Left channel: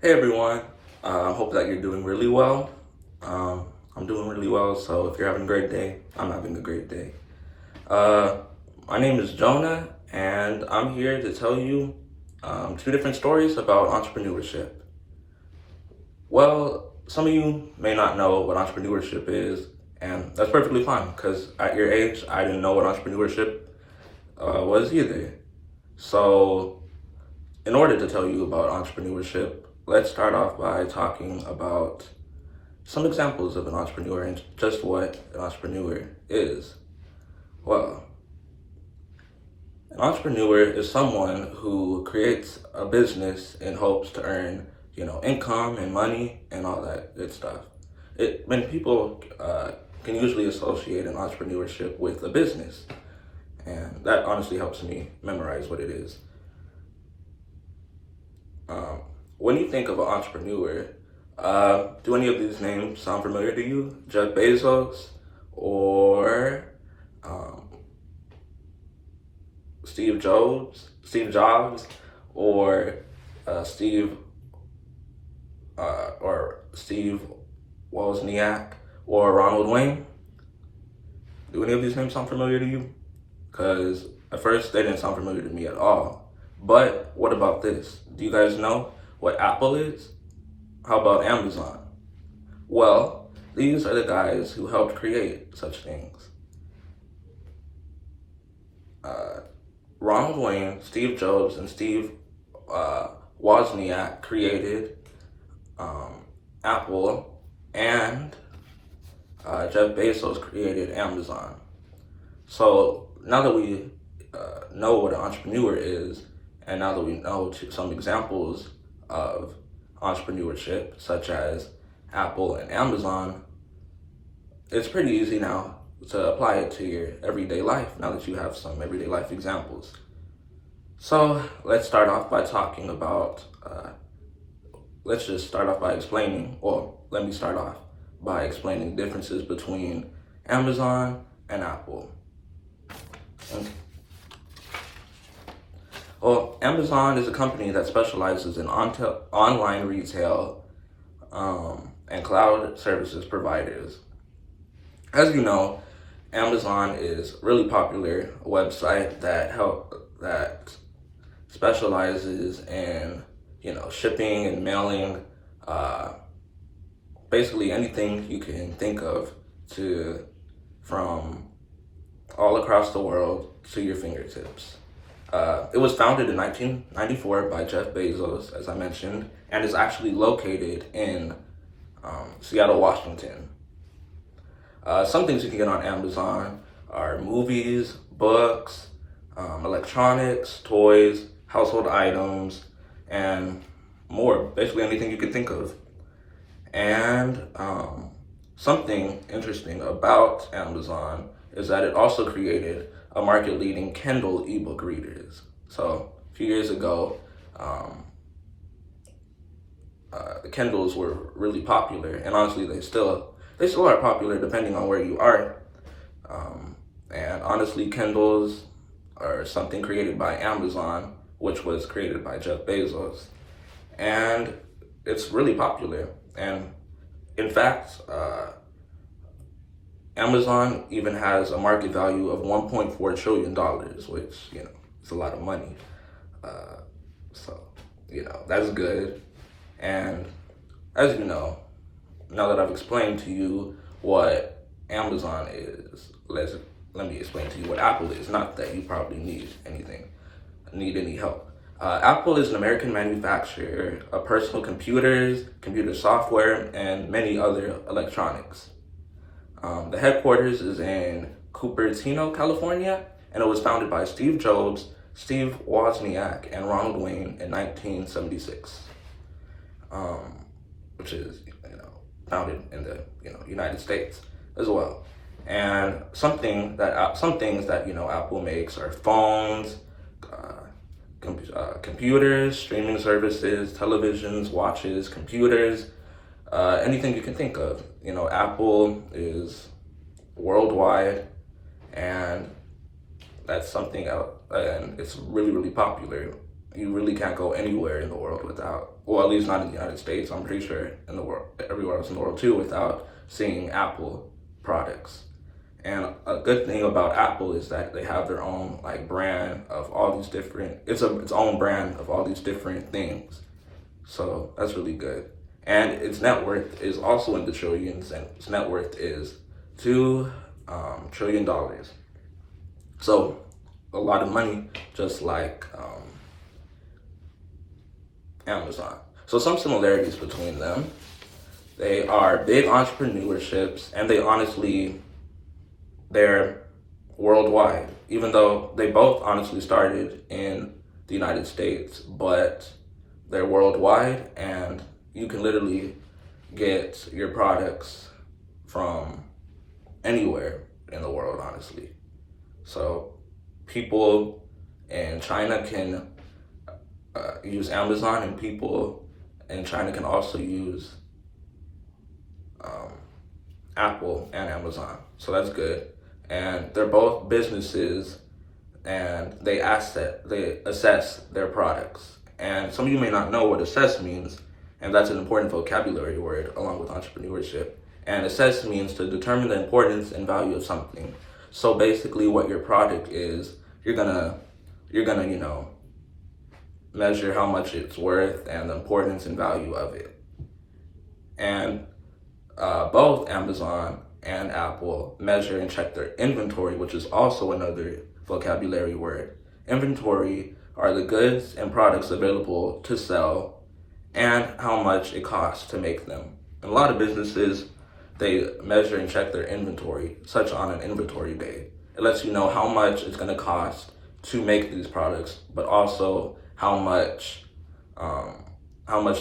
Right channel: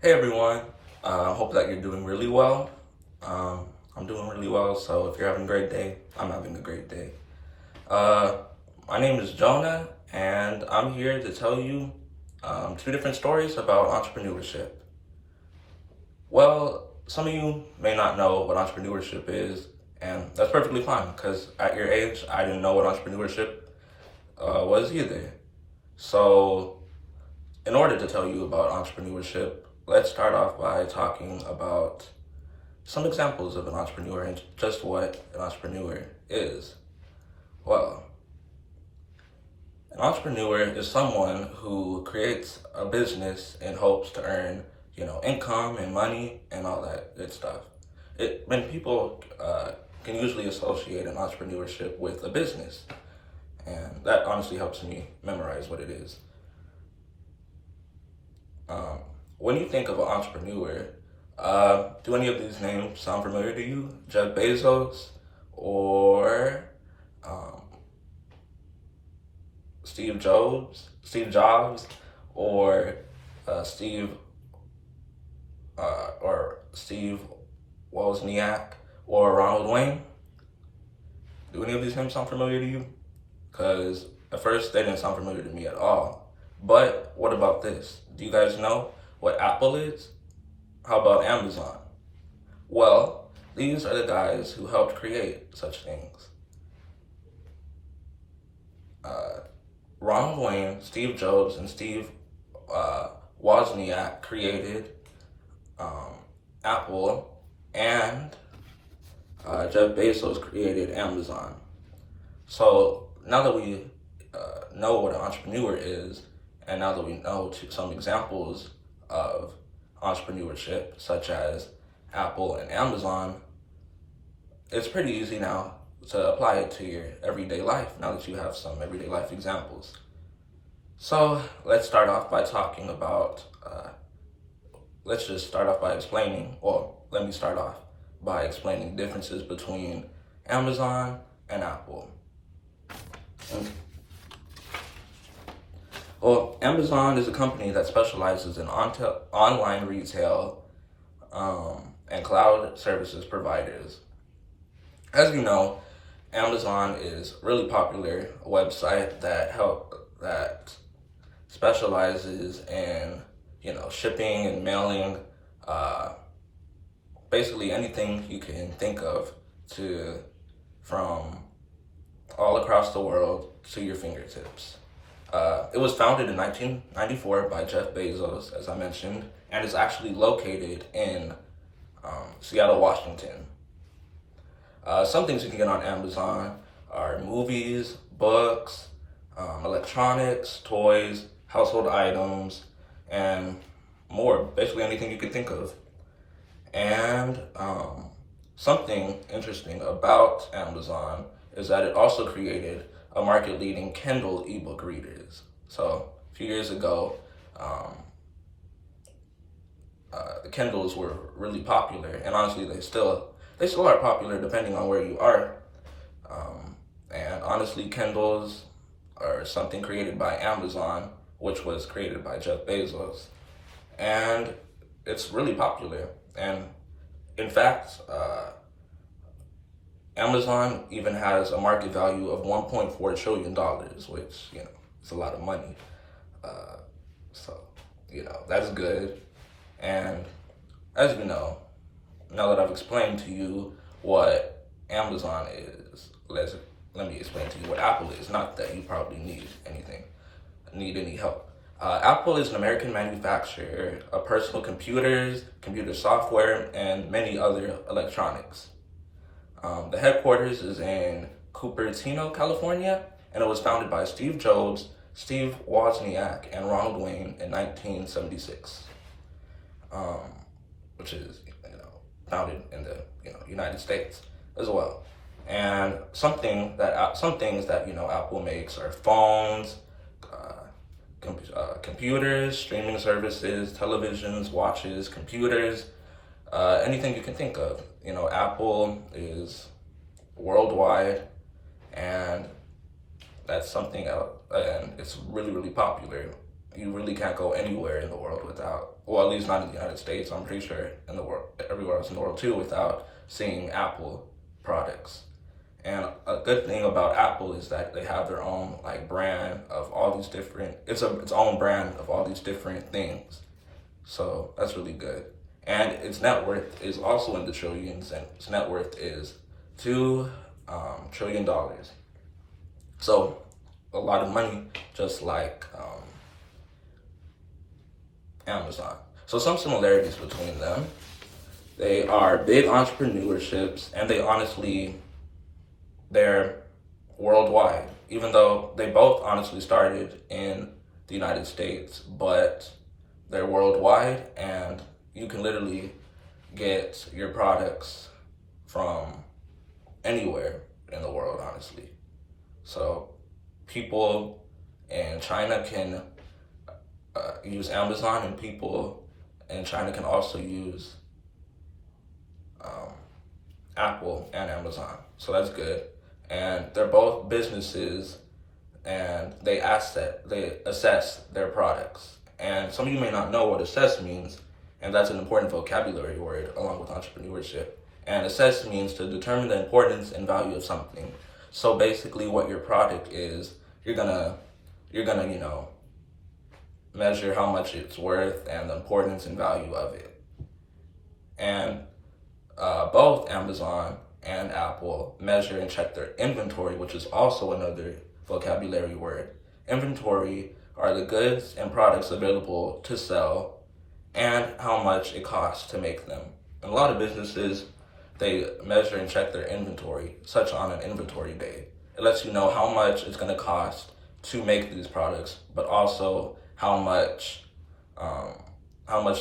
Hey everyone, hope that you're doing really well. I'm doing really well, so if you're having a great day, I'm having a great day. Uh, my name is Jonah, and I'm here to tell you two different stories about entrepreneurship. Well, some of you may not know what entrepreneurship is, and that's perfectly fine, because at your age, I didn't know what entrepreneurship was either. So, in order to tell you about entrepreneurship, let's start off by talking about some examples of an entrepreneur and just what an entrepreneur is. Well, an entrepreneur is someone who creates a business in hopes to earn, income and money and all that good stuff. When people can usually associate an entrepreneurship with a business, and that honestly helps me memorize what it is. When you think of an entrepreneur, do any of these names sound familiar to you? Jeff Bezos or um, Steve Jobs, or Steve or Steve Wozniak, or Ronald Wayne? Do any of these names sound familiar to you? Because at first they didn't sound familiar to me at all. But what about this? Do you guys know what Apple is? How about Amazon? Well, these are the guys who helped create such things. Ronald Wayne, Steve Jobs, and Steve Wozniak created Apple, and Jeff Bezos created Amazon. So now that we know what an entrepreneur is, and now that we know some examples of entrepreneurship, such as Apple and Amazon, it's pretty easy now to apply it to your everyday life now that you have some everyday life examples. So let's start off by talking about, let's just start off by explaining, well, let me start off by explaining differences between Amazon and Apple. Okay. Well, Amazon is a company that specializes in online retail and cloud services providers. As you know, Amazon is a really popular website that specializes in shipping and mailing, basically anything you can think of to from all across the world to your fingertips. It was founded in 1994 by Jeff Bezos, as I mentioned, and is actually located in Seattle, Washington. Some things you can get on Amazon are movies, books, electronics, toys, household items, and more. Basically anything you can think of. And something interesting about Amazon is that it also created a market-leading Kindle ebook readers. So a few years ago, the Kindles were really popular, and honestly, they still are popular depending on where you are. And honestly, Kindles are something created by Amazon, which was created by Jeff Bezos, and it's really popular. And in fact, Amazon even has a market value of $1.4 trillion, which, is a lot of money. So, that's good. And as you know, now that I've explained to you what Amazon is, let me explain to you what Apple is. Not that you probably need any help. Apple is an American manufacturer of personal computers, computer software, and many other electronics. The headquarters is in Cupertino, California, and it was founded by Steve Jobs, Steve Wozniak, and Ronald Wayne in 1976, which is founded in the United States as well. And some things that Apple makes are phones, computers, streaming services, televisions, watches, computers, anything you can think of. Apple is worldwide, and that's something else, and it's really, really popular. you really can't go anywhere in the world without, well, at least not in the United States, I'm pretty sure in the world, everywhere else in the world too, without seeing Apple products. And a good thing about Apple is that they have their own like brand of all these different, its own brand of all these different things. So that's really good. And its net worth is also in the trillions, and its net worth is $2 trillion. So a lot of money, just like Amazon. So some similarities between them. They are big entrepreneurships, and they're worldwide, even though they both honestly started in the United States, but they're worldwide, and you can literally get your products from anywhere in the world, honestly. So people in China can use Amazon, and people in China can also use Apple and Amazon. So that's good. And they're both businesses, and they assess their products. And some of you may not know what assess means, and that's an important vocabulary word along with entrepreneurship. And assess means to determine the importance and value of something. So basically what your product is, you're gonna, measure how much it's worth and the importance and value of it. And both Amazon and Apple measure and check their inventory, which is also another vocabulary word. Inventory are the goods and products available to sell and how much it costs to make them. And a lot of businesses, they measure and check their inventory, such on an inventory day. It lets you know how much it's going to cost to make these products, but also how much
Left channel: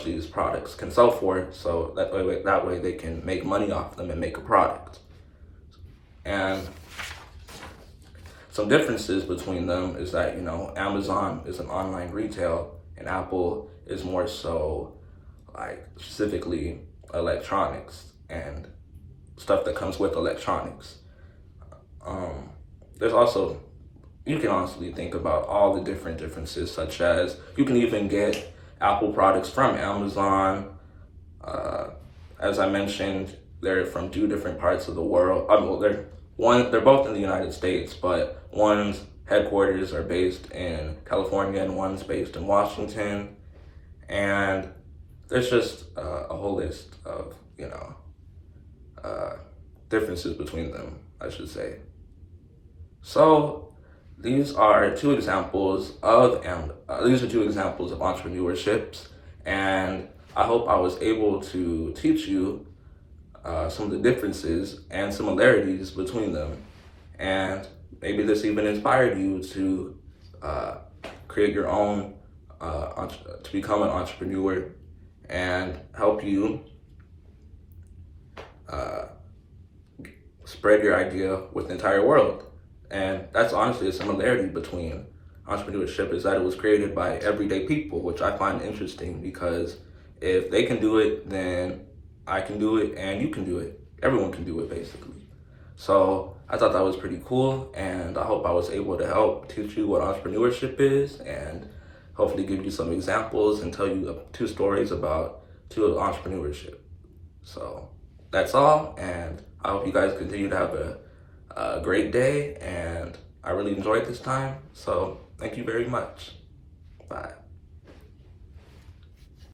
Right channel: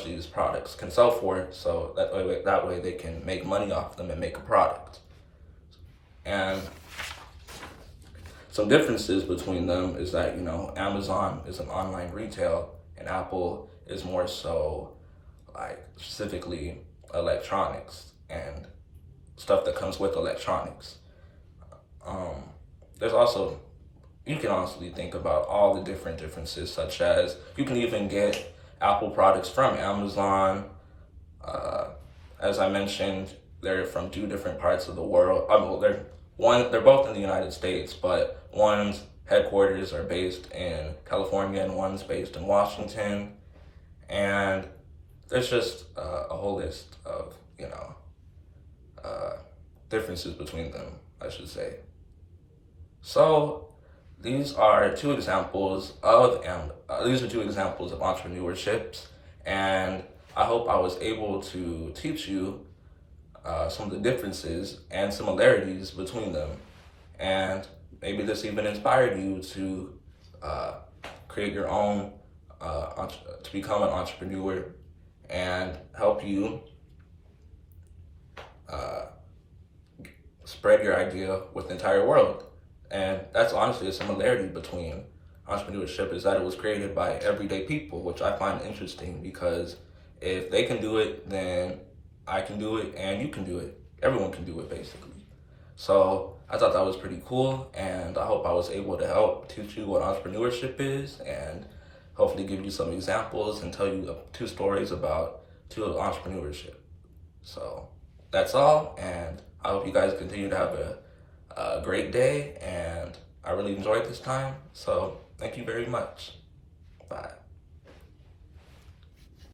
these products can sell for, so that way they can make money off them and make a product. And some differences between them is that, Amazon is an online retail, and Apple is more so like specifically electronics and stuff that comes with electronics. There's also, you can honestly think about all the different differences, such as you can even get Apple products from Amazon. As I mentioned, they're from 2 different parts of the world. They're both in the United States, but one's headquarters are based in California and one's based in Washington. And there's just a whole list of, differences between them, I should say. So these are 2 examples of entrepreneurships, and I hope I was able to teach you some of the differences and similarities between them, and maybe this even inspired you to create your own, to become an entrepreneur, and help you spread your idea with the entire world. And that's honestly a similarity between entrepreneurship, is that it was created by everyday people, which I find interesting, because if they can do it, then I can do it, and you can do it. Everyone can do it, basically. So I thought that was pretty cool, and I hope I was able to help teach you what entrepreneurship is, and hopefully give you some examples and tell you 2 stories about 2 of entrepreneurship. So that's all, and I hope you guys continue to have a great day, and I really enjoyed this time, so thank you very much. Bye.